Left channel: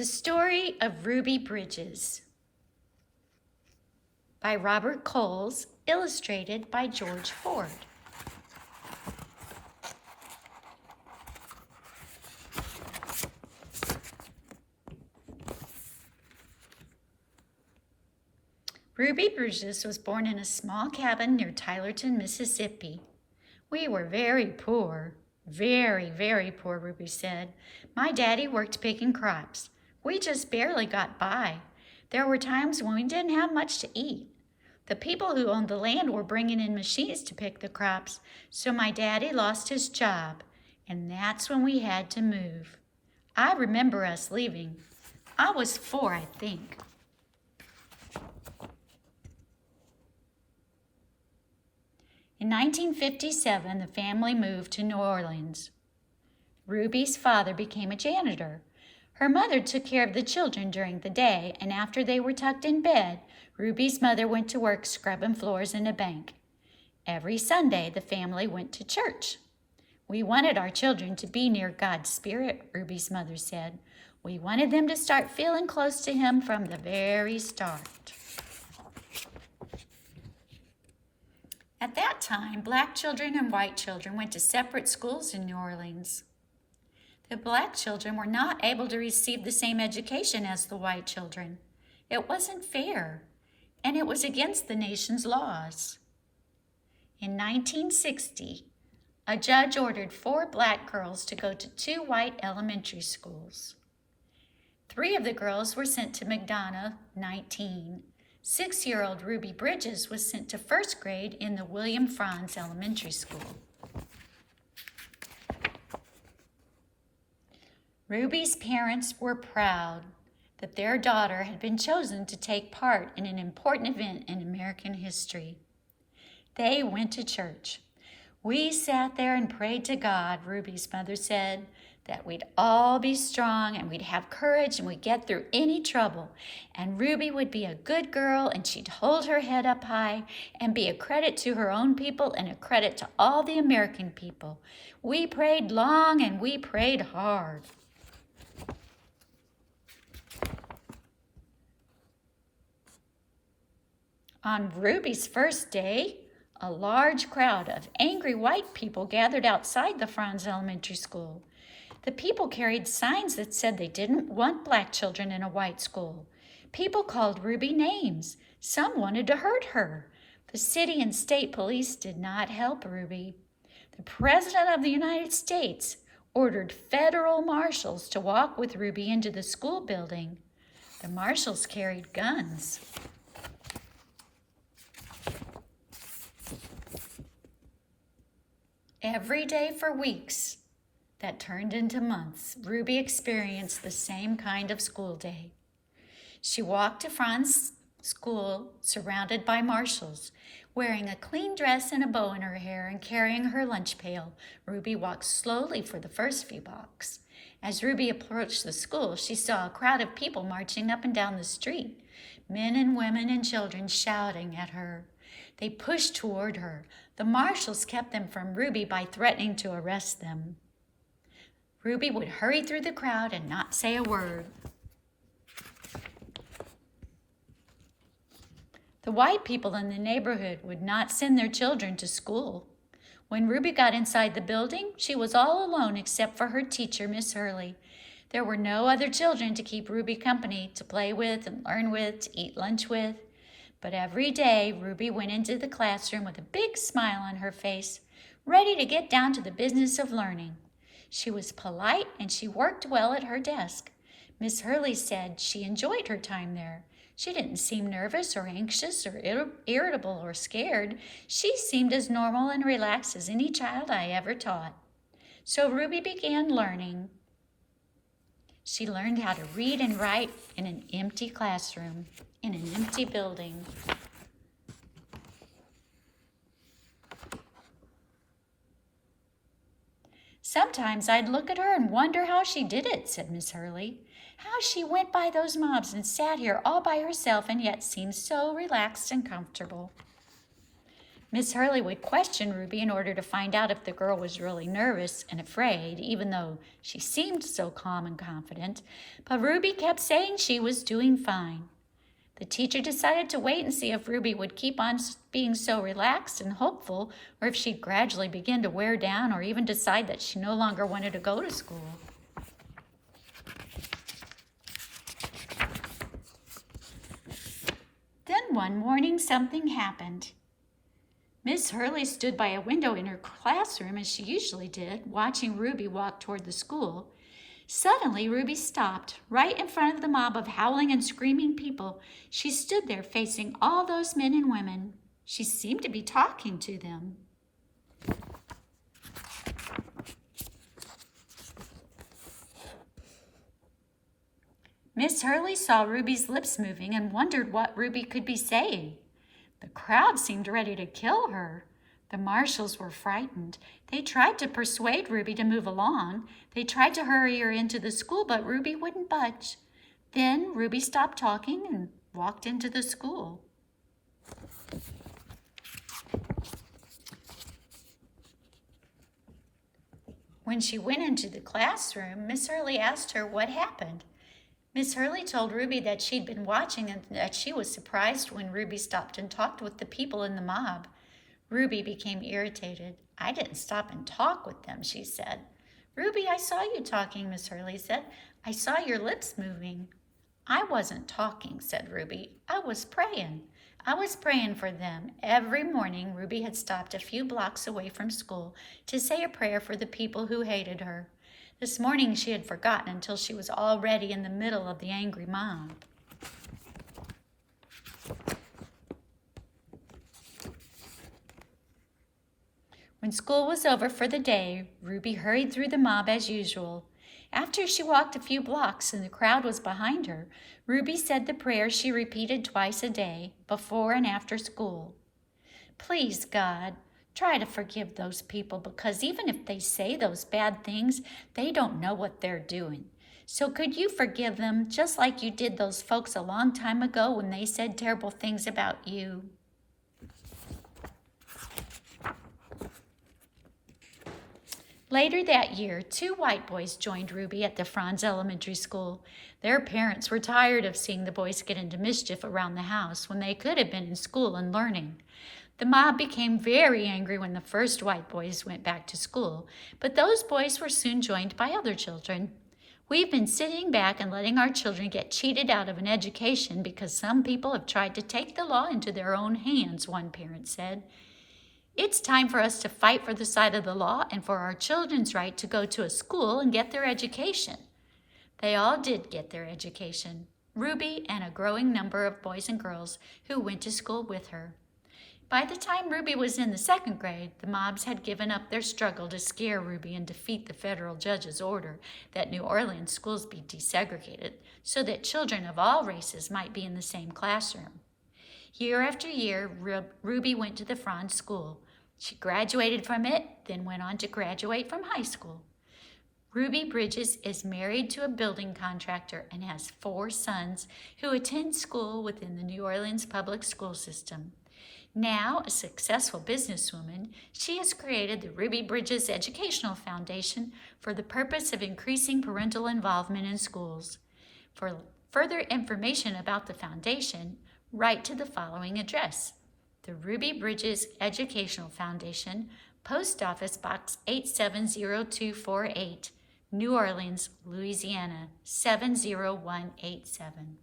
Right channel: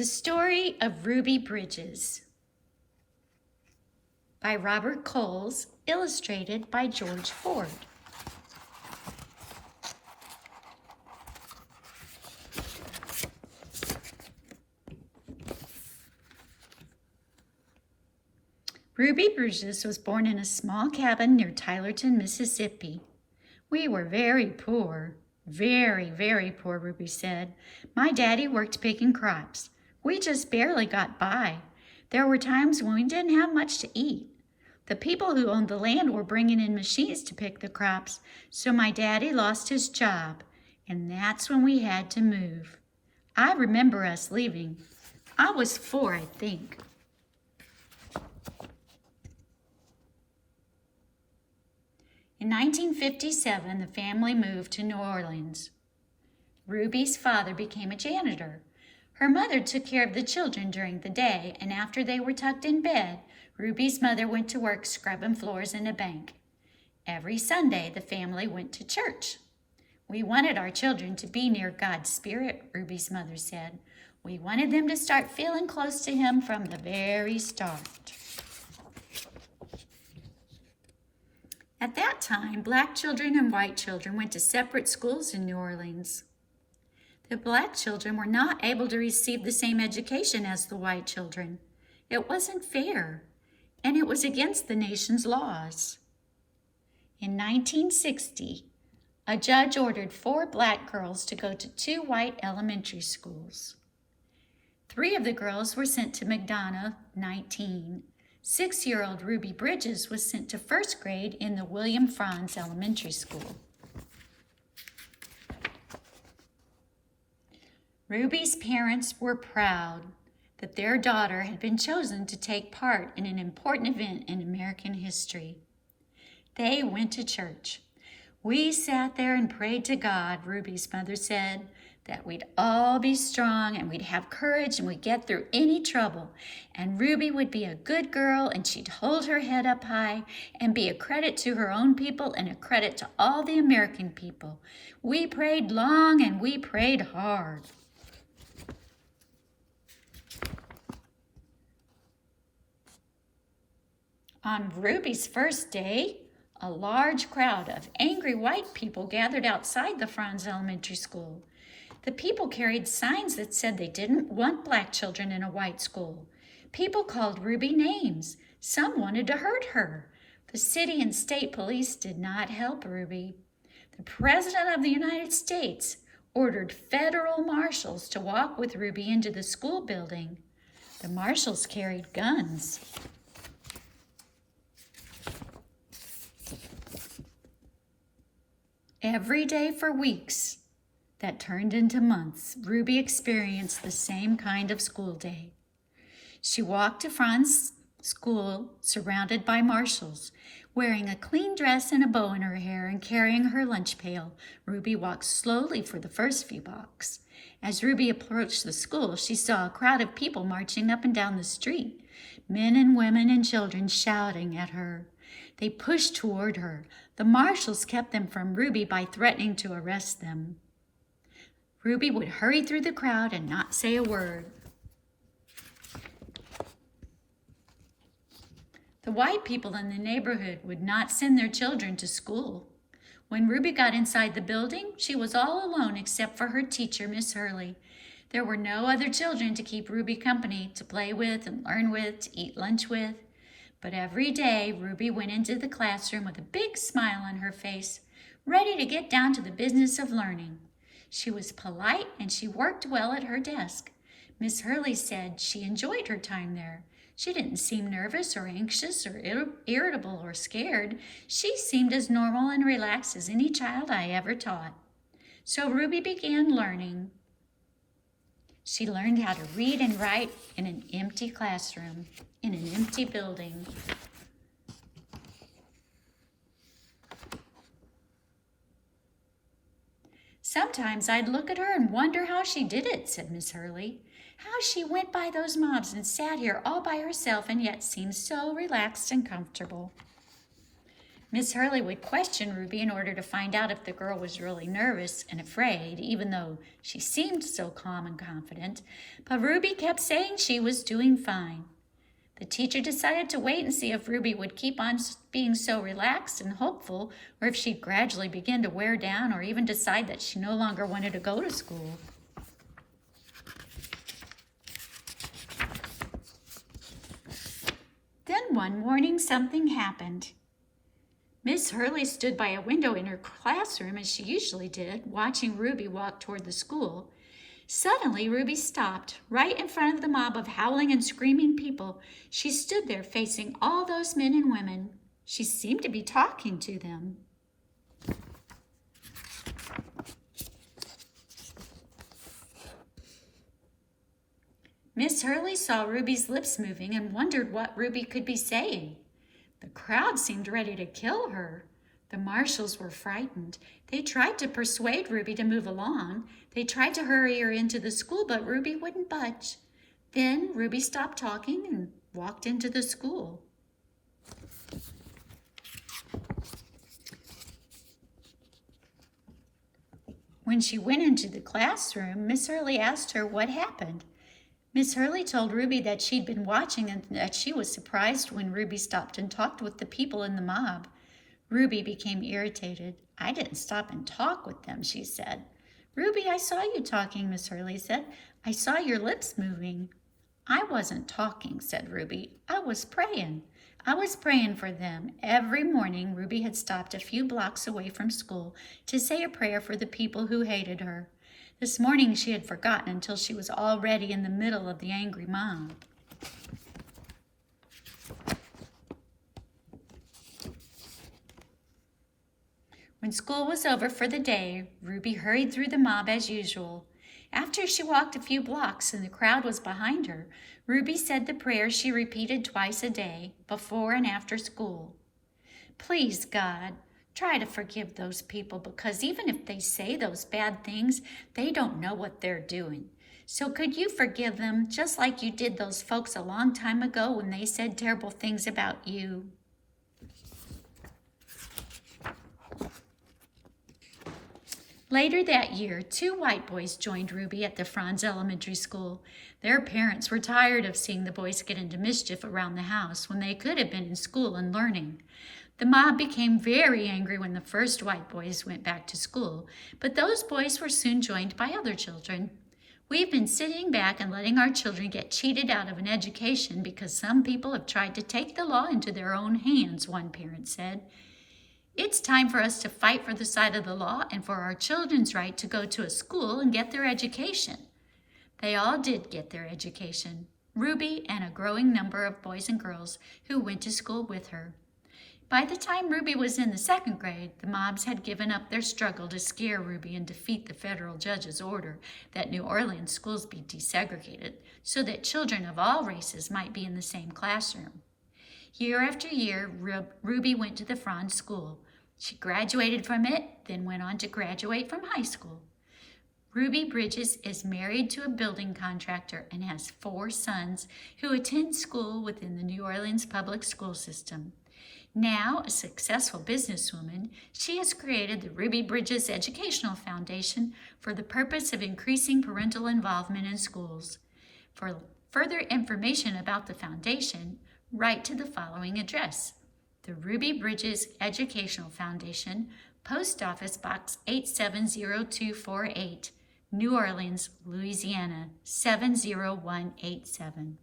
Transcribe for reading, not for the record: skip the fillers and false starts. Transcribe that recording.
The Story of Ruby Bridges by Robert Coles, illustrated by George Ford. Ruby Bridges was born in a small cabin near Tylerton, Mississippi. We were very poor. Very, very poor, Ruby said. My daddy worked picking crops. We just barely got by. There were times when we didn't have much to eat. The people who owned the land were bringing in machines to pick the crops, so my daddy lost his job, and that's when we had to move. I remember us leaving. I was 4, I think. In 1957, the family moved to New Orleans. Ruby's father became a janitor. Her mother took care of the children during the day, and after they were tucked in bed, Ruby's mother went to work scrubbing floors in a bank. Every Sunday, the family went to church. We wanted our children to be near God's Spirit, Ruby's mother said. We wanted them to start feeling close to Him from the very start. At that time, black children and white children went to separate schools in New Orleans. The black children were not able to receive the same education as the white children. It wasn't fair, and it was against the nation's laws. In 1960, a judge ordered 4 black girls to go to 2 white elementary schools. 3 of the girls were sent to McDonough, 19. 6-year-old Ruby Bridges was sent to 1st grade in the William Franz Elementary School. Ruby's parents were proud that their daughter had been chosen to take part in an important event in American history. They went to church. We sat there and prayed to God, Ruby's mother said, that we'd all be strong and we'd have courage and we'd get through any trouble. And Ruby would be a good girl and she'd hold her head up high and be a credit to her own people and a credit to all the American people. We prayed long and we prayed hard. On Ruby's first day, a large crowd of angry white people gathered outside the Franz Elementary School. The people carried signs that said they didn't want black children in a white school. People called Ruby names. Some wanted to hurt her. The city and state police did not help Ruby. The President of the United States ordered federal marshals to walk with Ruby into the school building. The marshals carried guns. Every day for weeks, that turned into months, Ruby experienced the same kind of school day. She walked to Franz School surrounded by marshals. Wearing a clean dress and a bow in her hair and carrying her lunch pail, Ruby walked slowly for the first few blocks. As Ruby approached the school, she saw a crowd of people marching up and down the street, men and women and children shouting at her. They pushed toward her. The marshals kept them from Ruby by threatening to arrest them. Ruby would hurry through the crowd and not say a word. The white people in the neighborhood would not send their children to school. When Ruby got inside the building, she was all alone except for her teacher, Miss Hurley. There were no other children to keep Ruby company, to play with and learn with, to eat lunch with. But every day, Ruby went into the classroom with a big smile on her face, ready to get down to the business of learning. She was polite and she worked well at her desk. Miss Hurley said she enjoyed her time there. She didn't seem nervous or anxious or irritable or scared. She seemed as normal and relaxed as any child I ever taught. So Ruby began learning. She learned how to read and write in an empty classroom, in an empty building. Sometimes I'd look at her and wonder how she did it, said Miss Hurley. How she went by those mobs and sat here all by herself and yet seemed so relaxed and comfortable. Miss Hurley would question Ruby in order to find out if the girl was really nervous and afraid, even though she seemed so calm and confident. But Ruby kept saying she was doing fine. The teacher decided to wait and see if Ruby would keep on being so relaxed and hopeful, or if she'd gradually begin to wear down or even decide that she no longer wanted to go to school. Then one morning something happened. Miss Hurley stood by a window in her classroom, as she usually did, watching Ruby walk toward the school. Suddenly, Ruby stopped, right in front of the mob of howling and screaming people. She stood there facing all those men and women. She seemed to be talking to them. Miss Hurley saw Ruby's lips moving and wondered what Ruby could be saying. The crowd seemed ready to kill her. The marshals were frightened. They tried to persuade Ruby to move along. They tried to hurry her into the school, but Ruby wouldn't budge. Then Ruby stopped talking and walked into the school. When she went into the classroom, Miss Hurley asked her what happened. Miss Hurley told Ruby that she'd been watching and that she was surprised when Ruby stopped and talked with the people in the mob. Ruby became irritated. "I didn't stop and talk with them," she said. "Ruby, I saw you talking," Miss Hurley said. "I saw your lips moving." "I wasn't talking," said Ruby. "I was praying. I was praying for them." Every morning, Ruby had stopped a few blocks away from school to say a prayer for the people who hated her. This morning she had forgotten until she was already in the middle of the angry mob. When school was over for the day, Ruby hurried through the mob as usual. After she walked a few blocks and the crowd was behind her, Ruby said the prayer she repeated twice a day, before and after school. "Please, God, try to forgive those people, because even if they say those bad things, they don't know what they're doing. So could you forgive them just like you did those folks a long time ago when they said terrible things about you?" Later that year, 2 white boys joined Ruby at the Franz Elementary School. Their parents were tired of seeing the boys get into mischief around the house when they could have been in school and learning. The mob became very angry when the first white boys went back to school, but those boys were soon joined by other children. "We've been sitting back and letting our children get cheated out of an education because some people have tried to take the law into their own hands," one parent said. "It's time for us to fight for the side of the law and for our children's right to go to a school and get their education." They all did get their education, Ruby and a growing number of boys and girls who went to school with her. By the time Ruby was in the 2nd grade, the mobs had given up their struggle to scare Ruby and defeat the federal judge's order that New Orleans schools be desegregated so that children of all races might be in the same classroom. Year after year, Ruby went to the Franz School. She graduated from it, then went on to graduate from high school. Ruby Bridges is married to a building contractor and has 4 sons who attend school within the New Orleans public school system. Now a successful businesswoman, she has created the Ruby Bridges Educational Foundation for the purpose of increasing parental involvement in schools. For further information about the foundation, write to the following address: the Ruby Bridges Educational Foundation, Post Office Box 870248, New Orleans, Louisiana 70187.